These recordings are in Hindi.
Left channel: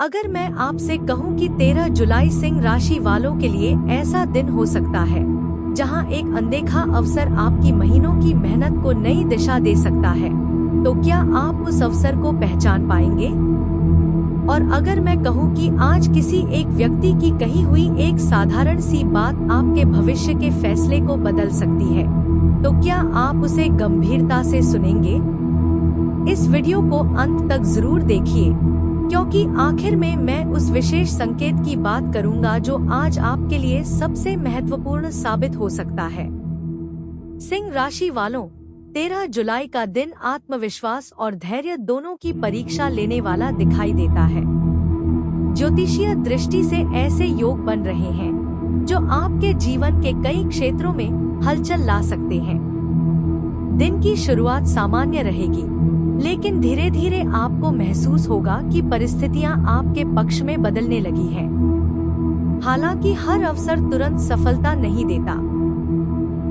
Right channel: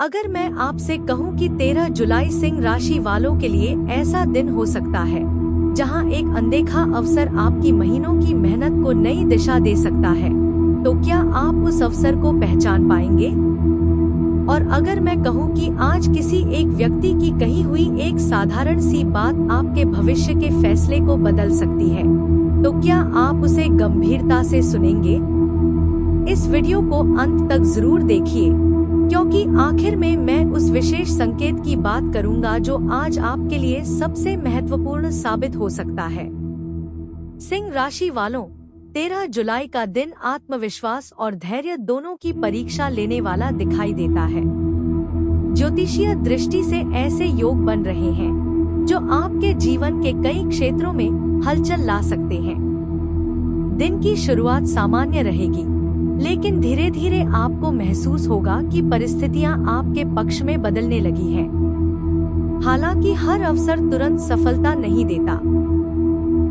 अगर मैं आपसे कहूं कि 13 जुलाई सिंह राशि वालों के लिए ऐसा दिन हो सकता है जहां एक अनदेखा अवसर आपकी महीनों की मेहनत को नई दिशा दे सकता है, तो क्या आप उस अवसर को पहचान पाएंगे? और अगर मैं कहूं कि आज किसी एक व्यक्ति की कही हुई एक साधारण सी बात आपके भविष्य के फैसले को बदल सकती है, तो क्या आप उसे गंभीरता से सुनेंगे? इस वीडियो को अंत तक जरूर देखिए, क्योंकि आखिर में मैं उस विशेष संकेत की बात करूंगा जो आज आपके लिए सबसे महत्वपूर्ण साबित हो सकता है। सिंह राशि वालों, 13 जुलाई का दिन आत्मविश्वास और धैर्य दोनों की परीक्षा लेने वाला दिखाई देता है। ज्योतिषीय दृष्टि से ऐसे योग बन रहे हैं जो आपके जीवन के कई क्षेत्रों में हलचल ला सकते हैं। दिन की शुरुआत सामान्य रहेगी, लेकिन धीरे धीरे आपको महसूस होगा कि परिस्थितियां आपके पक्ष में बदलने लगी हैं। हालांकि हर अवसर तुरंत सफलता नहीं देता।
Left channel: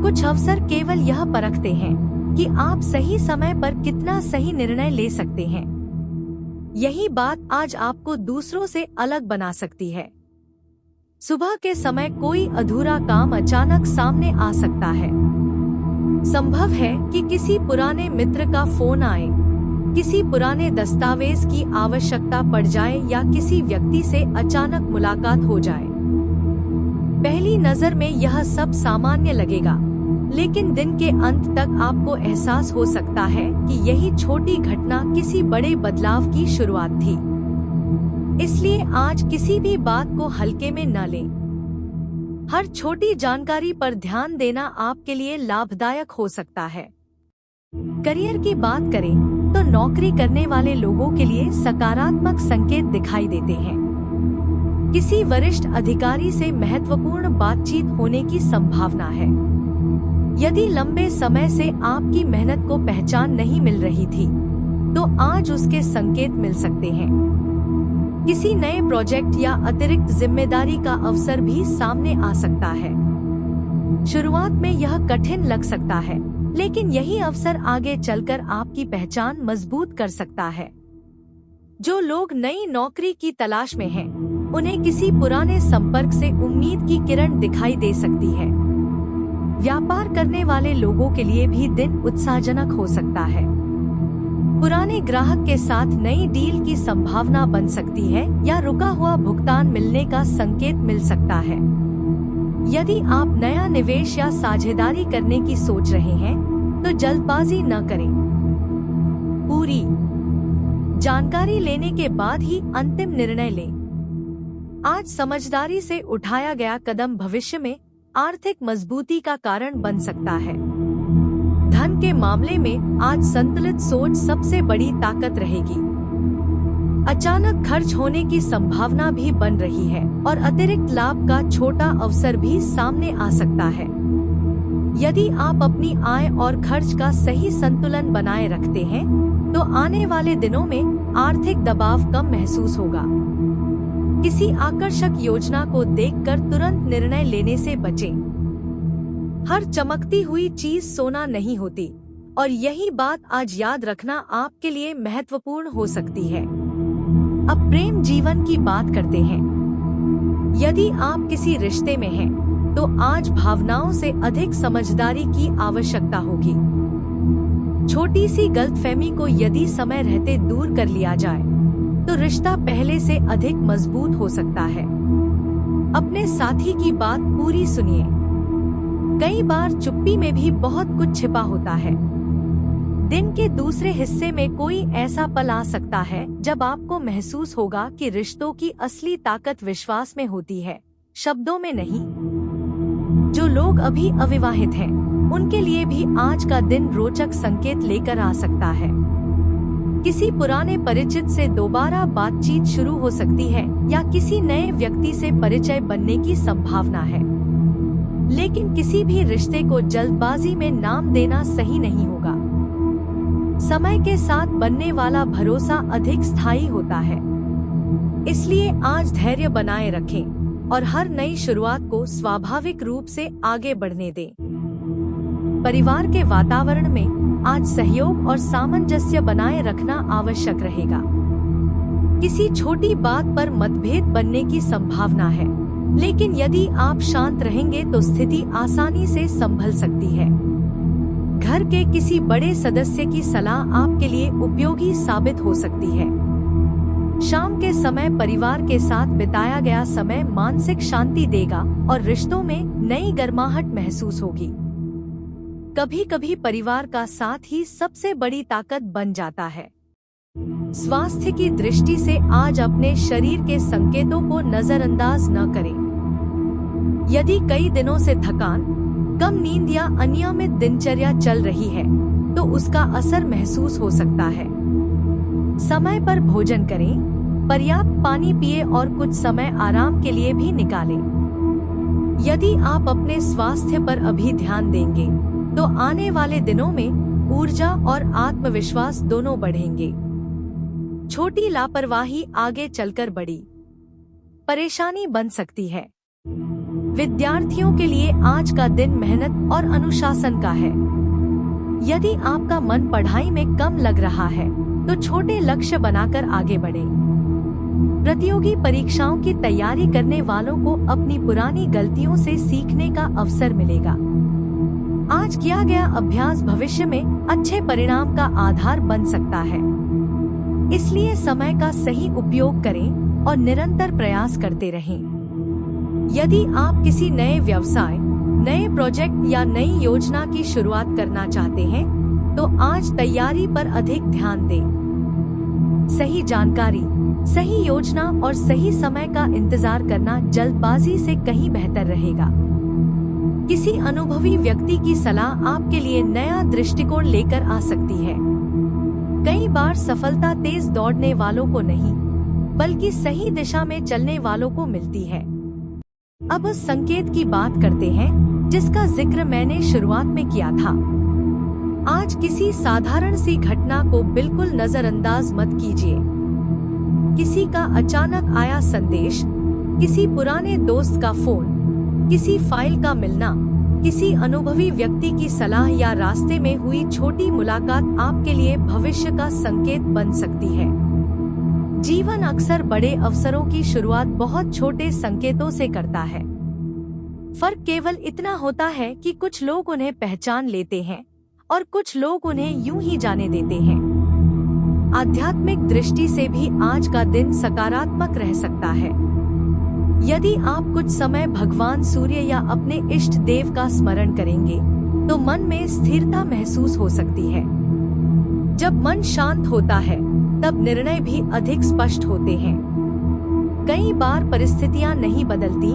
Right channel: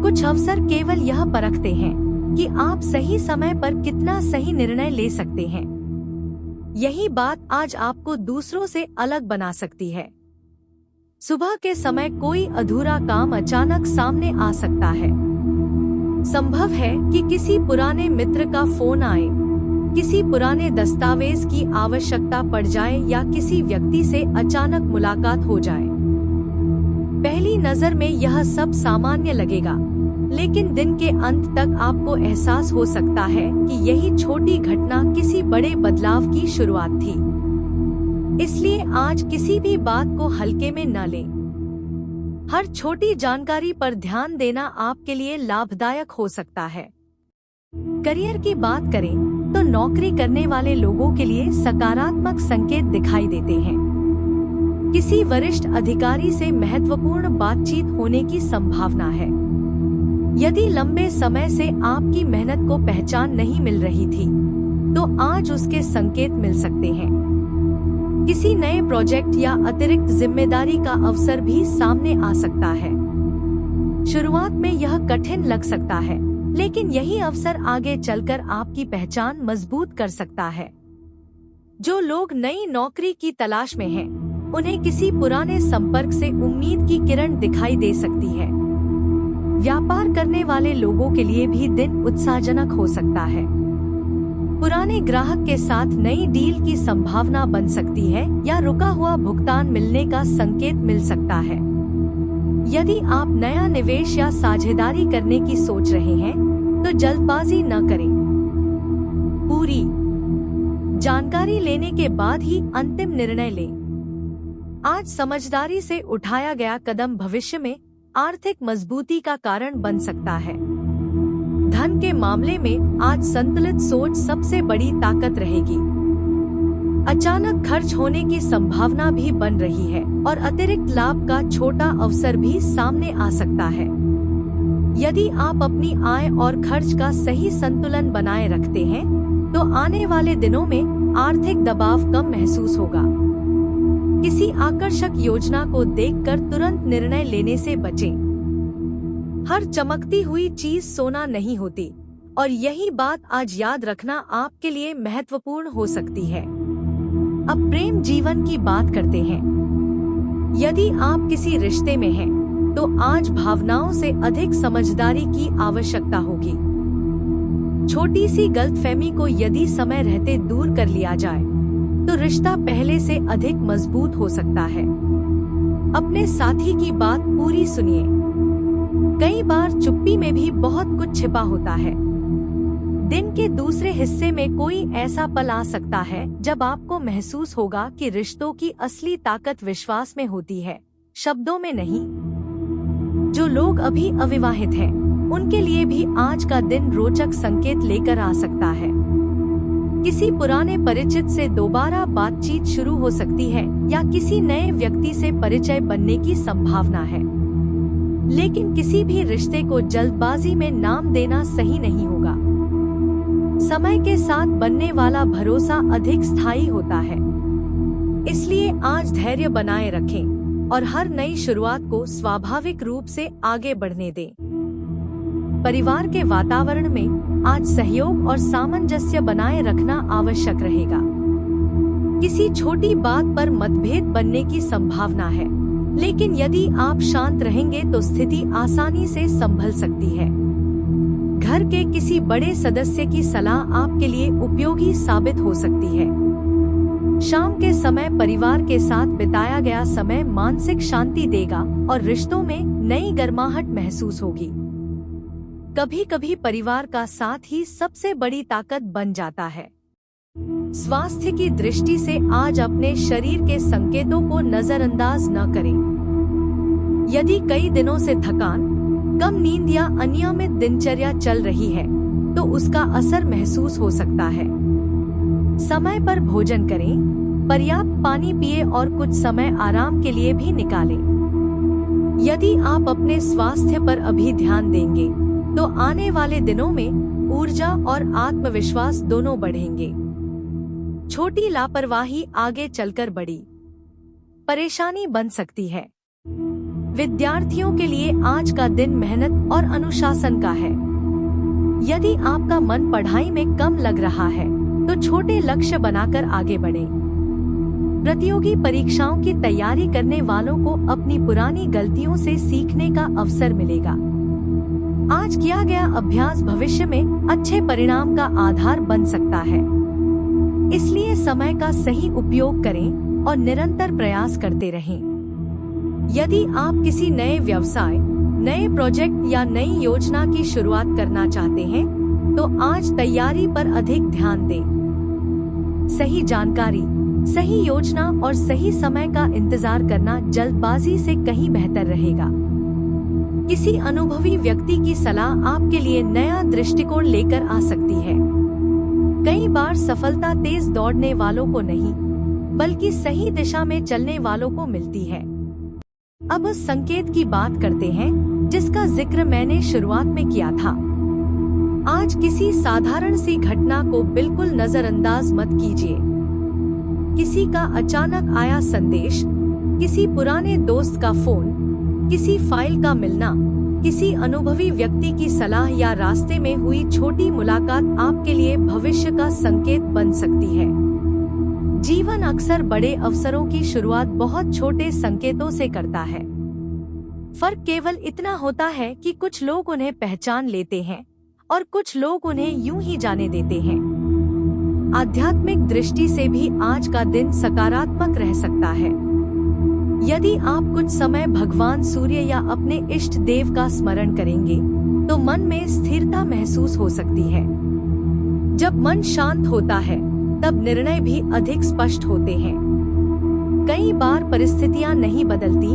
कुछ अवसर केवल यह परखते हैं कि आप सही समय पर कितना सही निर्णय ले सकते हैं। यही बात आज आपको दूसरों से अलग बना सकती है। सुबह के समय कोई अधूरा काम अचानक सामने आ सकता है। संभव है कि किसी पुराने मित्र का फोन आए, किसी पुराने दस्तावेज की आवश्यकता पड़ जाए या किसी व्यक्ति से अचानक मुलाकात हो जाए। पहली नजर में यह सब सामान्य लगेगा, लेकिन दिन के अंत तक आपको एहसास हो सकता है कि यही छोटी घटना किसी बड़े बदलाव की शुरुआत थी। इसलिए आज किसी भी बात को हल्के में न लें। हर छोटी जानकारी पर ध्यान देना आपके लिए लाभदायक हो सकता है। करियर की बात करें तो नौकरी करने वाले लोगों के लिए सकारात्मक संकेत दिखाई देते हैं। किसी वरिष्ठ अधिकारी से महत्वपूर्ण बातचीत होने की संभावना है। यदि लंबे समय से आपकी मेहनत को पहचान नहीं मिल रही थी, तो आज उसके संकेत मिल सकते हैं। किसी नए प्रोजेक्ट या अतिरिक्त जिम्मेदारी का अवसर भी सामने आ सकता है। शुरुआत में यह कठिन लग सकता है, लेकिन यही अवसर आगे चलकर आपकी पहचान मजबूत कर सकता है। जो लोग नई नौकरी की तलाश में हैं, उन्हें किसी पुराने संपर्क से उम्मीद की किरण दिखाई दे सकती है। व्यापार करने वाले लोगों के लिए भी दिन उत्साहजनक हो सकता है। पुराने ग्राहक के साथ नई डील की संभावना बन सकती है या रुका हुआ भुगतान मिलने का संकेत मिल सकता है। यदि आप नया निवेश या साझेदारी करने की सोच रहे हैं, तो जल्दबाजी न करें। पूरी जानकारी लेने के बाद ही अंतिम निर्णय लें। आज समझदारी से उठाया गया कदम भविष्य में आर्थिक मजबूती का कारण बन सकता है। धन के मामले में आज संतुलित सोच सबसे बड़ी ताकत रहेगी। अचानक खर्च होने की संभावना भी बन रही है और अतिरिक्त लाभ का छोटा अवसर भी सामने आ सकता है। यदि आप अपनी आय और खर्च का सही संतुलन बनाए रखते हैं, तो आने वाले दिनों में आर्थिक दबाव कम महसूस होगा। किसी आकर्षक योजना को देखकर तुरंत निर्णय लेने से बचें। हर चमकती हुई चीज सोना नहीं होती, और यही बात आज याद रखना आपके लिए महत्वपूर्ण हो सकती है। अब प्रेम जीवन की बात करते हैं। यदि आप किसी रिश्ते में हैं, तो आज भावनाओं से अधिक समझदारी की आवश्यकता होगी। छोटी सी गलतफहमी को यदि समय रहते दूर कर लिया जाए, तो रिश्ता पहले से अधिक मजबूत हो सकता है। अपने साथी की बात पूरी सुनिए। कई बार चुप्पी में भी बहुत कुछ छिपा होता है। दिन के दूसरे हिस्से में कोई ऐसा पल आ सकता है जब आपको महसूस होगा कि रिश्तों की असली ताकत विश्वास में होती है, शब्दों में नहीं। जो लोग अभी अविवाहित हैं, उनके लिए भी आज का दिन रोचक संकेत लेकर आ सकता है। किसी पुराने परिचित से दोबारा बातचीत शुरू हो सकती है या किसी नए व्यक्ति से परिचय बनने की संभावना है। लेकिन किसी भी रिश्ते को जल्दबाजी में नाम देना सही नहीं होगा। समय के साथ बनने वाला भरोसा अधिक स्थायी होता है। इसलिए आज धैर्य बनाए रखें और हर नई शुरुआत को स्वाभाविक रूप से आगे बढ़ने दें। परिवार के वातावरण में आज सहयोग और सामंजस्य बनाए रखना आवश्यक रहेगा। किसी छोटी बात पर मतभेद बनने की संभावना है, लेकिन यदि आप शांत रहेंगे तो स्थिति आसानी से संभल सकती है। घर के किसी बड़े सदस्य की सलाह आपके लिए उपयोगी साबित हो सकती है। शाम के समय परिवार के साथ बिताया गया समय मानसिक शांति देगा और रिश्तों में नई गर्माहट महसूस होगी। कभी कभी परिवार का साथ ही सबसे बड़ी ताकत बन जाता है। स्वास्थ्य की दृष्टि से आज अपने शरीर के संकेतों को नजरअंदाज न करें। यदि कई दिनों से थकान, कम नींद या अनियमित दिनचर्या चल रही है, तो उसका असर महसूस हो सकता है। समय पर भोजन करें, पर्याप्त पानी पिए और कुछ समय आराम के लिए भी निकालें। यदि आप अपने स्वास्थ्य पर अभी ध्यान देंगे, तो आने वाले दिनों में ऊर्जा और आत्मविश्वास दोनों बढ़ेंगे। छोटी लापरवाही आगे चलकर बड़ी परेशानी बन सकती है। विद्यार्थियों के लिए आज का दिन मेहनत और अनुशासन का है। यदि आपका मन पढ़ाई में कम लग रहा है, तो छोटे लक्ष्य बनाकर आगे बढ़ें। प्रतियोगी परीक्षाओं की तैयारी करने वालों को अपनी पुरानी गलतियों से सीखने का अवसर मिलेगा। आज किया गया अभ्यास भविष्य में अच्छे परिणाम का आधार बन सकता है। इसलिए समय का सही उपयोग करें और निरंतर प्रयास करते रहें। यदि आप किसी नए व्यवसाय, नए प्रोजेक्ट या नई योजना की शुरुआत करना चाहते हैं, तो आज तैयारी पर अधिक ध्यान दें। सही जानकारी, सही योजना और सही समय का इंतजार करना जल्दबाजी से कहीं बेहतर रहेगा। किसी अनुभवी व्यक्ति की सलाह आपके लिए नया दृष्टिकोण लेकर आ सकती है। कई बार सफलता तेज दौड़ने वालों को नहीं, बल्कि सही दिशा में चलने वालों को मिलती है। अब उस संकेत की बात करते हैं जिसका जिक्र मैंने शुरुआत में किया था। आज किसी साधारण सी घटना को बिल्कुल नजरअंदाज मत कीजिए। किसी का अचानक आया संदेश, किसी पुराने दोस्त का फोन, किसी फाइल का मिलना, किसी अनुभवी व्यक्ति की सलाह या रास्ते में हुई छोटी मुलाकात आपके लिए भविष्य का संकेत बन सकती है। जीवन अक्सर बड़े अवसरों की शुरुआत बहुत छोटे संकेतों से करता है। फर्क केवल इतना होता है कि कुछ लोग उन्हें पहचान लेते हैं और कुछ लोग उन्हें यूं ही जाने देते हैं। आध्यात्मिक दृष्टि से भी आज का दिन सकारात्मक रह सकता है। यदि आप कुछ समय भगवान सूर्य या अपने इष्ट देव का स्मरण करेंगे, तो मन में स्थिरता महसूस हो सकती है। जब मन शांत होता है, तब निर्णय भी अधिक स्पष्ट होते हैं। कई बार परिस्थितियां नहीं बदलती,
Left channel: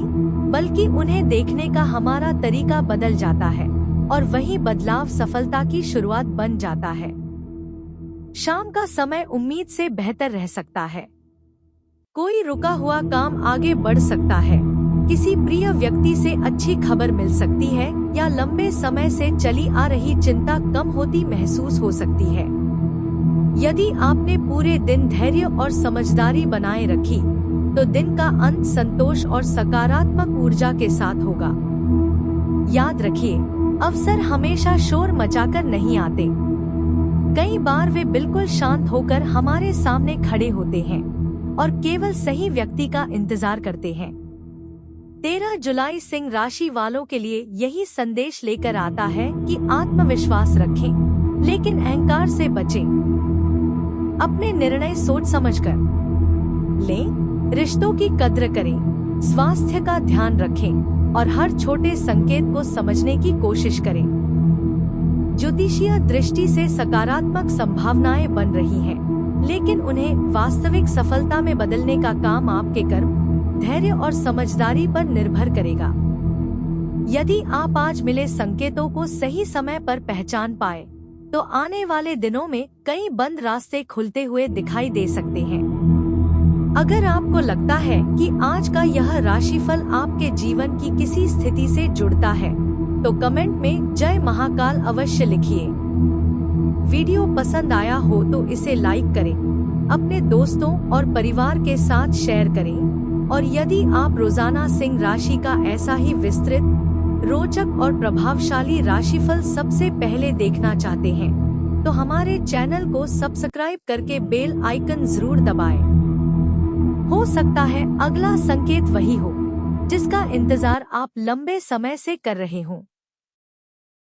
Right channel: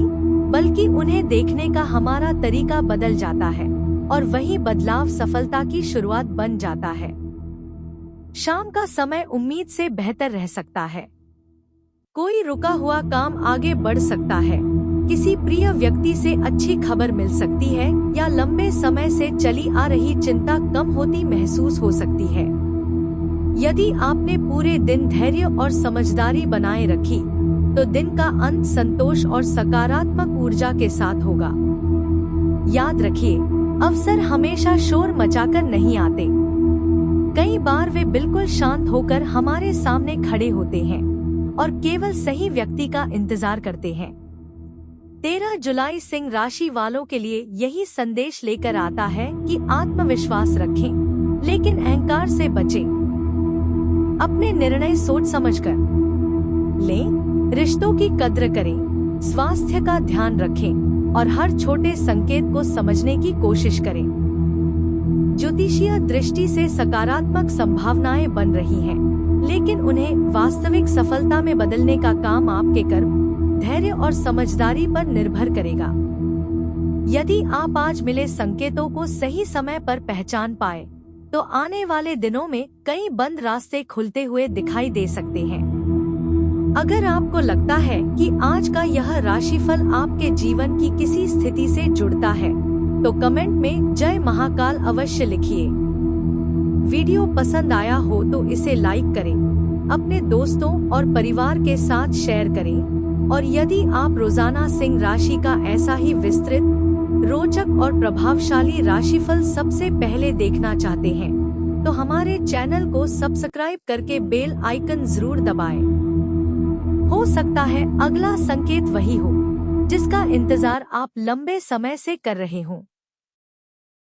बल्कि उन्हें देखने का हमारा तरीका बदल जाता है और वही बदलाव सफलता की शुरुआत बन जाता है। शाम का समय उम्मीद से बेहतर रह सकता है। कोई रुका हुआ काम आगे बढ़ सकता है, किसी प्रिय व्यक्ति से अच्छी खबर मिल सकती है या लंबे समय से चली आ रही चिंता कम होती महसूस हो सकती है। यदि आपने पूरे दिन धैर्य और समझदारी बनाए रखी, तो दिन का अंत संतोष और सकारात्मक ऊर्जा के साथ होगा। याद रखिए, अवसर हमेशा शोर मचाकर नहीं आते। कई बार वे बिल्कुल शांत होकर हमारे सामने खड़े होते हैं और केवल सही व्यक्ति का इंतजार करते हैं। 13 जुलाई सिंह राशि वालों के लिए यही संदेश लेकर आता है कि आत्मविश्वास रखें, लेकिन अहंकार से बचें। अपने निर्णय सोच समझकर लें, रिश्तों की कद्र करें, स्वास्थ्य का ध्यान रखें और हर छोटे संकेत को समझने की कोशिश करें। ज्योतिषीय दृष्टि से सकारात्मक संभावनाएं बन रही हैं, लेकिन उन्हें वास्तविक सफलता में बदलने का काम आपके कर्म, धैर्य और समझदारी पर निर्भर करेगा। यदि आप आज मिले संकेतों को सही समय पर पहचान पाए, तो आने वाले दिनों में कई बंद रास्ते खुलते हुए दिखाई दे सकते हैं। अगर आपको लगता है कि आज का यह राशिफल आपके जीवन की किसी स्थिति से जुड़ता है, तो कमेंट में जय महाकाल अवश्य लिखिए। वीडियो पसंद आया हो तो इसे लाइक करें, अपने दोस्तों और परिवार के साथ शेयर करें और यदि आप रोजाना सिंह राशि का ऐसा ही विस्तृत, रोचक और प्रभावशाली राशिफल सबसे पहले देखना चाहते हैं, तो हमारे चैनल को सब्सक्राइब करके बेल आइकन जरूर दबाएं। हो सकता है अगला संकेत वही हो जिसका इंतजार आप लंबे समय से कर रहे हों।